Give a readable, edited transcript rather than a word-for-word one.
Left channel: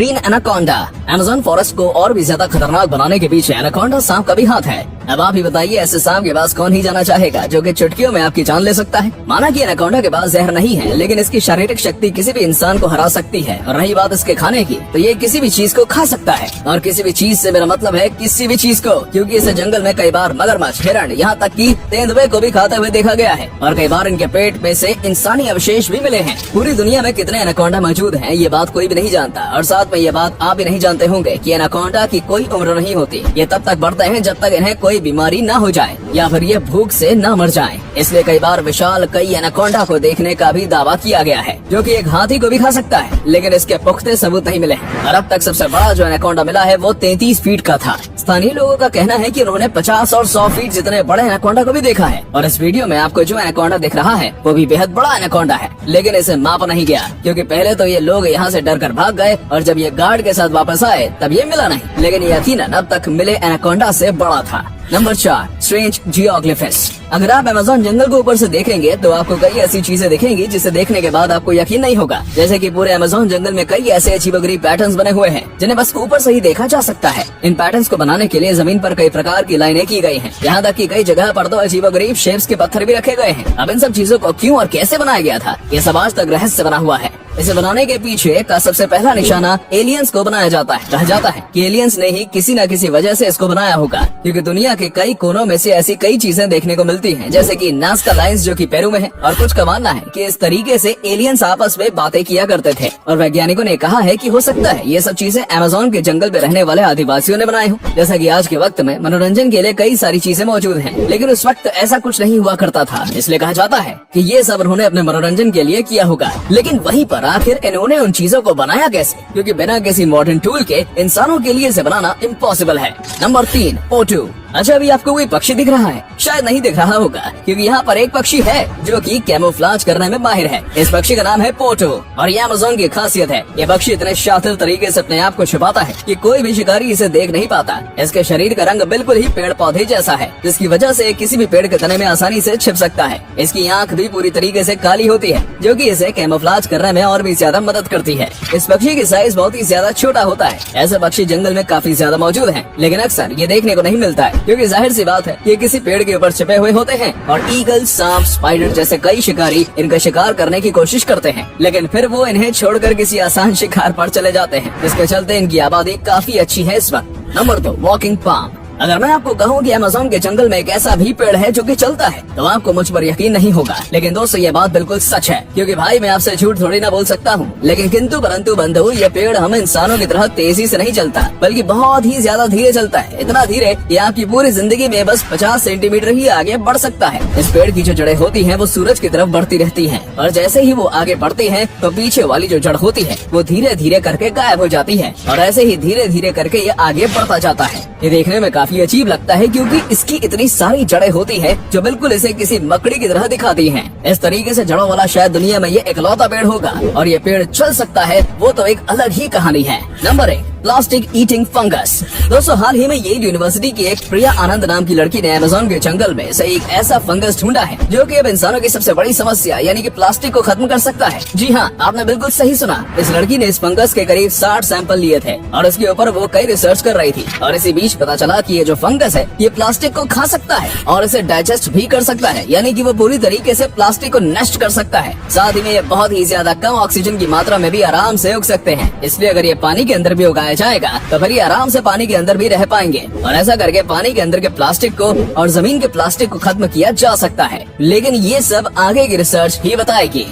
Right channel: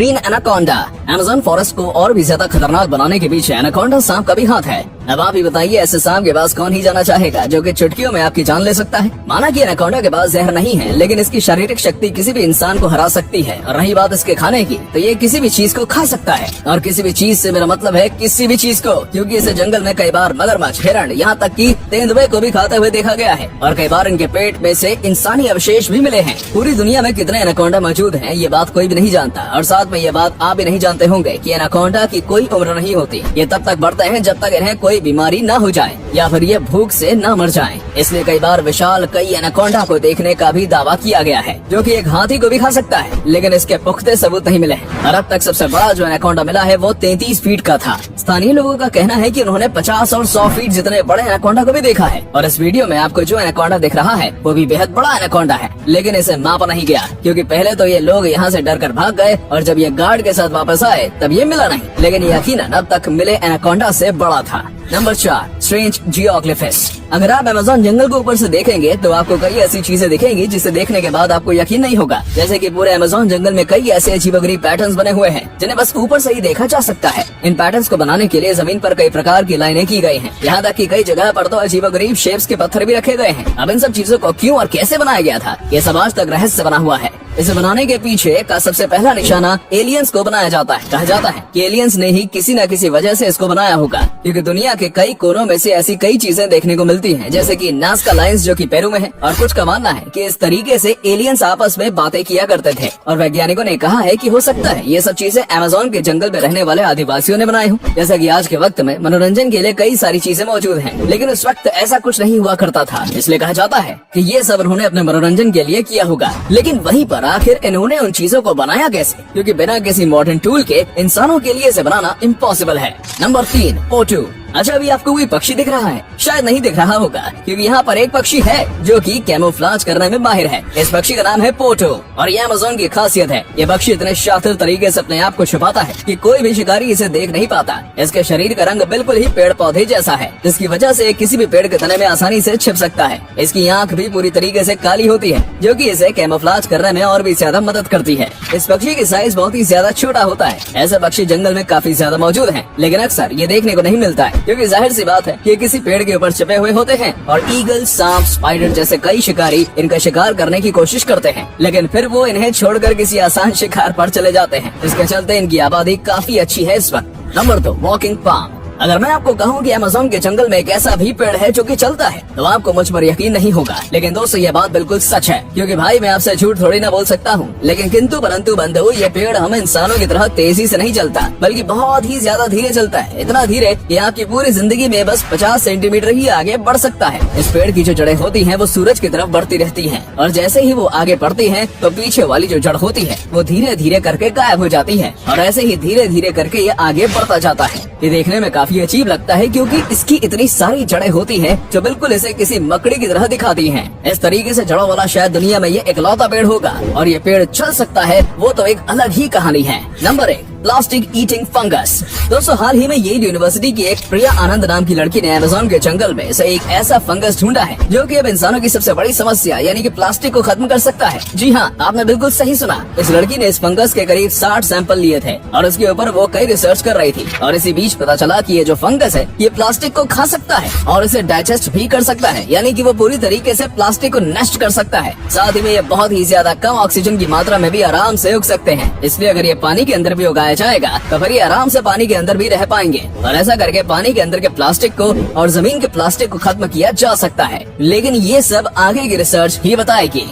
Green anaconda. Amazon forest को और भी ज्यादा खतरनाक बनाने के पीछे एनाकोंडा सांप का भी हाथ है। अब आप ही बताइए, ऐसे सांप के पास कौन ही जाना चाहेगा जो कि चुटकियों में आपकी जान ले सकता है। माना कि एनाकोंडा के पास जहर नहीं है, लेकिन इसकी शारीरिक शक्ति किसी भी इंसान को हरा सकती है। और रही बात इसके खाने की, तो ये किसी भी चीज को खा सकता है। और किसी भी चीज से मेरा मतलब है किसी भी चीज को, क्योंकि इसे जंगल में कई बार मगरमच्छ, हिरण, यहाँ तक कि तेंदुए को भी खाते हुए देखा गया है। और कई बार इनके पेट में से इंसानी अवशेष भी मिले हैं। पूरी दुनिया में कितने एनाकोंडा मौजूद हैं, ये बात कोई भी नहीं जानता। और साथ में ये बात आप भी नहीं जानते होंगे कि एनाकोंडा की कोई उम्र नहीं होती। ये तब तक बढ़ते हैं जब तक इन्हें कोई बीमारी न हो जाए या फिर ये भूख से न मर जाएं। इसलिए कई बार विशाल कई एनाकोंडा को देखने का भी दावा किया गया है, जो कि एक हाथी को भी खा सकता है। लेकिन इसके पुख्ते सबूत नहीं मिले हैं। और अब तक सबसे बड़ा जो एनाकोंडा मिला है वो 33 फीट का था। स्थानीय लोगों का कहना है कि उन्होंने 50 और 100 फीट जितने बड़े एनाकोंडा को भी देखा है। और इस वीडियो में आपको जो एनाकोंडा दिख रहा है वो भी बेहद बड़ा एनाकोंडा है, लेकिन इसे मापा नहीं गया, क्योंकि पहले तो ये लोग यहाँ से डर कर भाग गए और जब ये गार्ड के साथ वापस आए तब ये मिला नहीं। लेकिन यकीनन अब तक मिले एनाकोंडा से बड़ा था। Number 4, strange geoglyphs. अगर आप अमेज़न जंगल को ऊपर से देखेंगे तो आपको कई ऐसी चीजें दिखेंगी जिसे देखने के बाद आपको यकीन नहीं होगा। जैसे कि पूरे अमेज़न जंगल में कई ऐसे अजीबोगरीब पैटर्न्स बने हुए हैं जिन्हें बस ऊपर से ही देखा जा सकता है। इन पैटर्न्स को बनाने के लिए जमीन पर कई प्रकार की लाइनें की गई हैं। यहाँ तक कि कई जगह पर तो अजीबोगरीब शेप्स के पत्थर भी रखे गए हैं। अब इन सब चीजों को क्यों और कैसे बनाया गया था, ये सब आज तक रहस्य बना हुआ है। इसे बनाने के पीछे का सबसे पहला निशाना एलियंस को बनाया जाता है। कहा जाता है कि एलियंस ने ही किसी न किसी वजह से इसको बनाया होगा, क्योंकि दुनिया के कई कोनों में से ऐसी कई चीजें देखने को मिलती हैं, जैसे कि नाज़का लायंस जो कि पेरू में है। और कुछ का मानना है कि इस तरीके से एलियंस आपस में बातें किया करते थे। और वैज्ञानिकों ने कहा है कि हो सकता है ये सब चीजें अमेज़न के जंगल में रहने वाले आदिवासियों ने बनाई हो। जैसा कि आज के वक्त में मनोरंजन के लिए कई सारी चीजें मौजूद हैं, लेकिन उस वक्त ऐसा कुछ नहीं हुआ करता था। इसलिए कहा जाता है कि ये सब उन्होंने अपने मनोरंजन के लिए किया होगा। लेकिन वहीं पर आखिर इन्होंने उन चीजों को बनाया कैसे, क्योंकि बिना किसी मॉडर्न टूल के इंसानों के लिए इसे बनाना इम्पॉसिबल है। नंबर 3, पोटू। अच्छा, अभी आपको कोई पक्षी दिख रहा है? शायद नहीं दिख रहा होगा, क्योंकि यहाँ पर एक पक्षी है जो कि कैमोफ्लाज करने में माहिर है। इस पक्षी का नाम है पोटो और ये अमेज़न की खासियत है। ये पक्षी इतने शातिर तरीके से अपने आप को छुपाता है कि कोई भी शिकारी इसे देख नहीं पाता। इसके शरीर का रंग बिल्कुल ही पेड़ पौधे जैसा है, जिसकी वजह से किसी भी पेड़ के तने में आसानी से छिप सकता है। इसकी आँख भी पूरी तरीके से काली होती है, जो कि इसे कैमोफ्लाज करने में और भी ज्यादा मदद करती है। इस पक्षी की साइज बहुत ही ज्यादा छोटा होता है। ऐसे पक्षी जंगल में काफी ज्यादा मौजूद हैं, लेकिन अक्सर ये देखने को नहीं मिलता है, क्योंकि जाहिर सी बात है ये किसी पेड़ के ऊपर छिपे हुए होते हैं। और ईगल, सांप, स्पाइडर जैसे कई शिकारी इनका शिकार करने की कोशिश करते हैं, लेकिन फिर वो इन्हें छोड़कर किसी आसान शिकार पर चले जाते हैं। इसके चलते इनकी आबादी काफी अच्छी है इस वक्त। Number 2, walking palm. अगर मैं आपको कहूँ कि अमेज़न के जंगल में एक ऐसा भी पेड़ है जो कि चलता है, तो आपको मुझ पर यकीन नहीं होगा। लेकिन दोस्तों, ये बात बिल्कुल सच है, क्योंकि भाई मैं आपसे झूठ थोड़ी ना बोल सकता हूँ। लेकिन किंतु परंतु बंधु, ये पेड़ हम इंसानों की तरह तेजी से नहीं चलता, बल्कि बहुत ही ज्यादा धीरे चलता है। इतना धीरे कि आपकी पूरी जिंदगी में बस 50 सेंटीमीटर ही आगे बढ़ सकता है। इस पेड़ की जो जड़ें होती हैं वो सूरज की तरफ बढ़ती रहती हैं, और जैसे ही वो आगे बढ़ती हैं तो पीछे वाली जो जड़ होती है वो धीरे धीरे करके गायब हो जाती है, और ऐसे ही धीरे धीरे करके ये आगे बढ़ता जाता है। ये देखने में काफी अजीब लगता है, क्योंकि इसकी इतनी सारी जड़ें होती हैं जो बिल्कुल इसे किसी मकड़ी की तरह दिखाती हैं। इस तरीके से जड़ों वाला शायद दुनिया में ये इकलौता पेड़ होगा, और ये पेड़ चल सकता है वो तो एक अलग ही कहानी है। Number 1, plastic eating fungus. दोस्तों, हाल ही में येल यूनिवर्सिटी की एक प्रिया आनंद नाम की लड़की ने अमेज़न के जंगल में से एक ऐसा फंगस ढूंढा है जो कि अब इंसानों की सबसे बड़ी समस्या यानी कि प्लास्टिक को खत्म कर सकता है। जी हाँ, आपने बिल्कुल सही सुना। इस लड़की ने इस फंगस के करीब 60 सैंपल लिए थे और इसके ऊपर वो कई रिसर्च कर रही थी। और इसी बीच पता चला कि ये जो फंगस है ये प्लास्टिक को खा सकता है और इसे डाइजेस्ट भी कर सकता है, यानी कि वो पूरी तरीके से प्लास्टिक को नष्ट कर सकता है। साथ ही में ये बहुत ही ज्यादा कम ऑक्सीजन की मात्रा में भी आराम से उग सकते हैं। इसलिए अगर ये पानी के अंदर भी उगाया जाएगा तो फिर ये आराम से पानी के अंदर भी रह पाएंगे, और ऐसा करके पानी के अंदर के प्लास्टिक को और जमीन के प्लास्टिक को खत्म किया जा सकता है। लेकिन ये सब आगे की रिसर्च ही बताएगी।